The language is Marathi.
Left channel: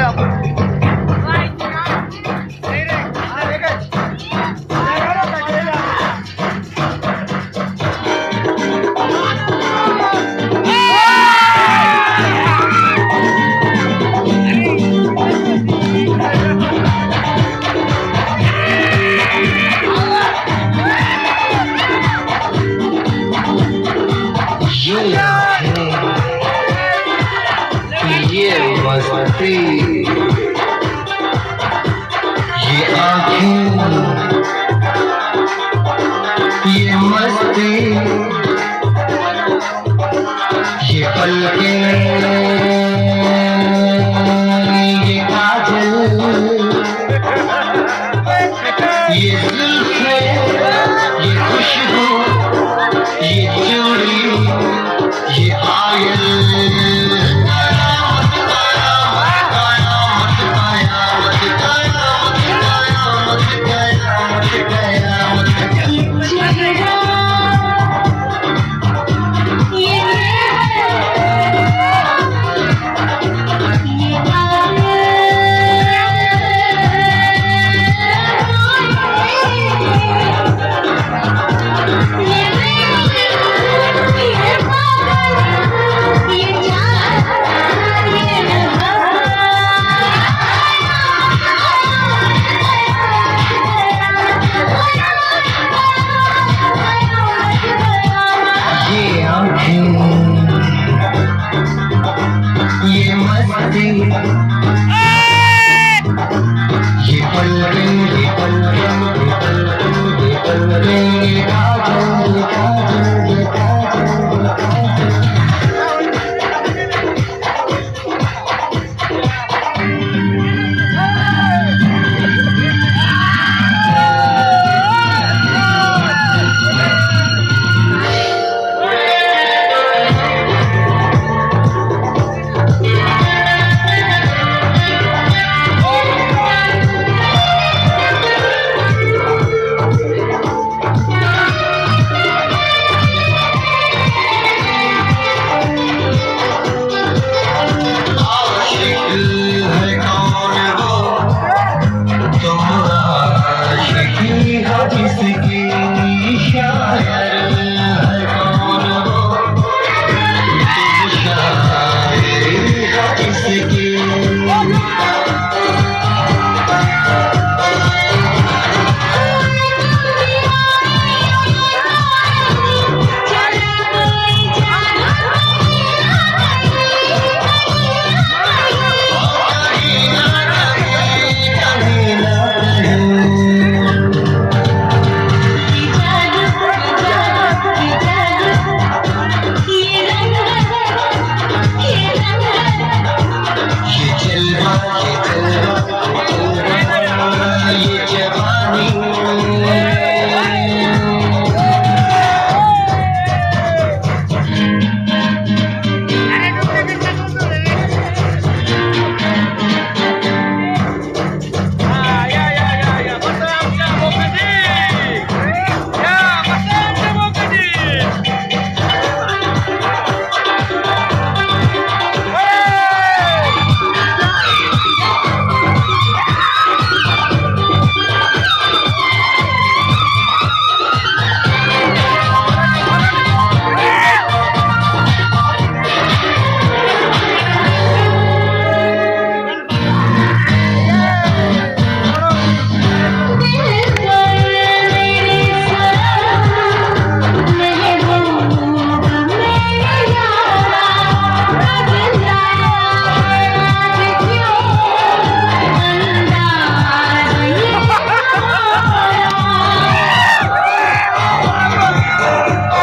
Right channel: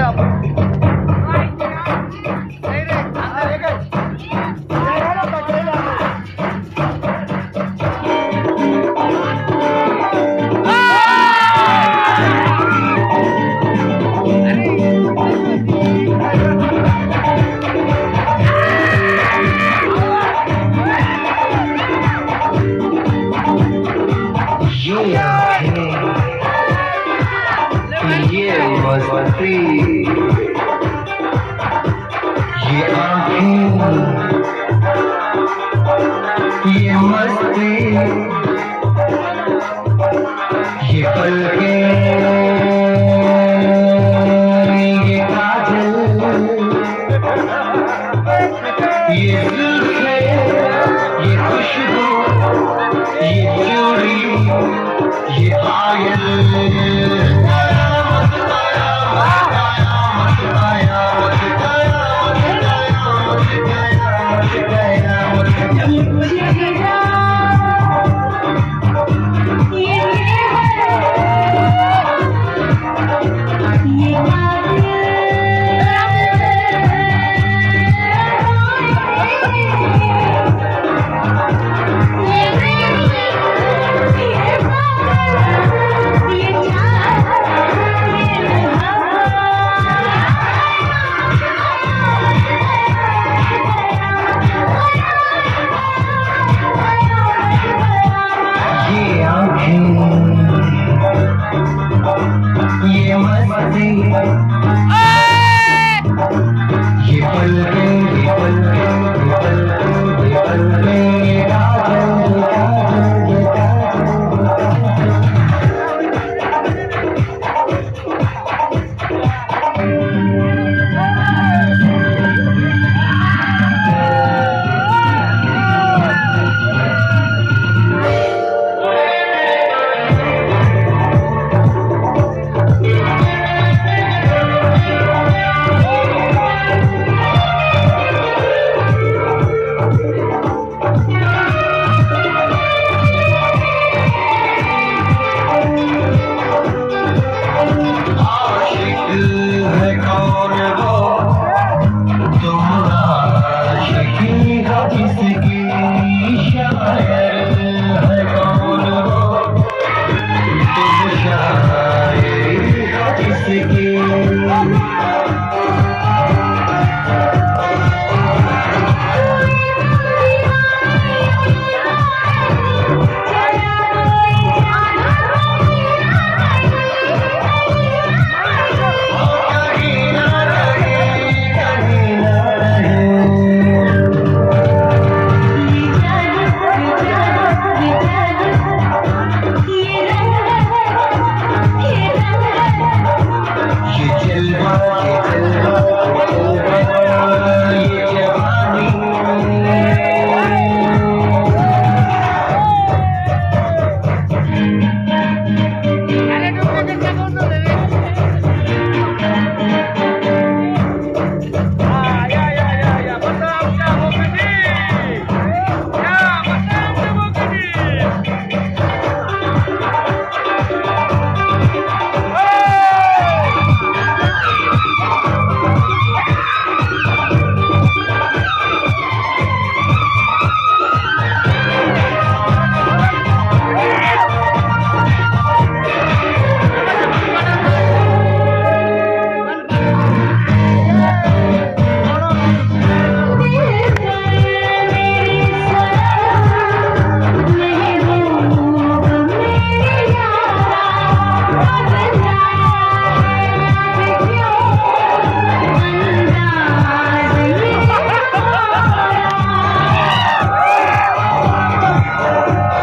चाललोय आपण. ये मस्ती, ये आँखें, ये मस्ती, ये पलकें, ये काजल, ये जुल्फें, ये खुशबू, ये चूड़ी, ये आयल। ये आँखें, ये मस्ती, ये पलकें, ये पलकें, ये पलकें, ये पलकें, ये काजल, ये काजल, ये काजल, ये काजल। है कौन वो तुम्हारा आशिकी हो जिसकी, शायर है कौन वो तुम शायर हो जिसकी।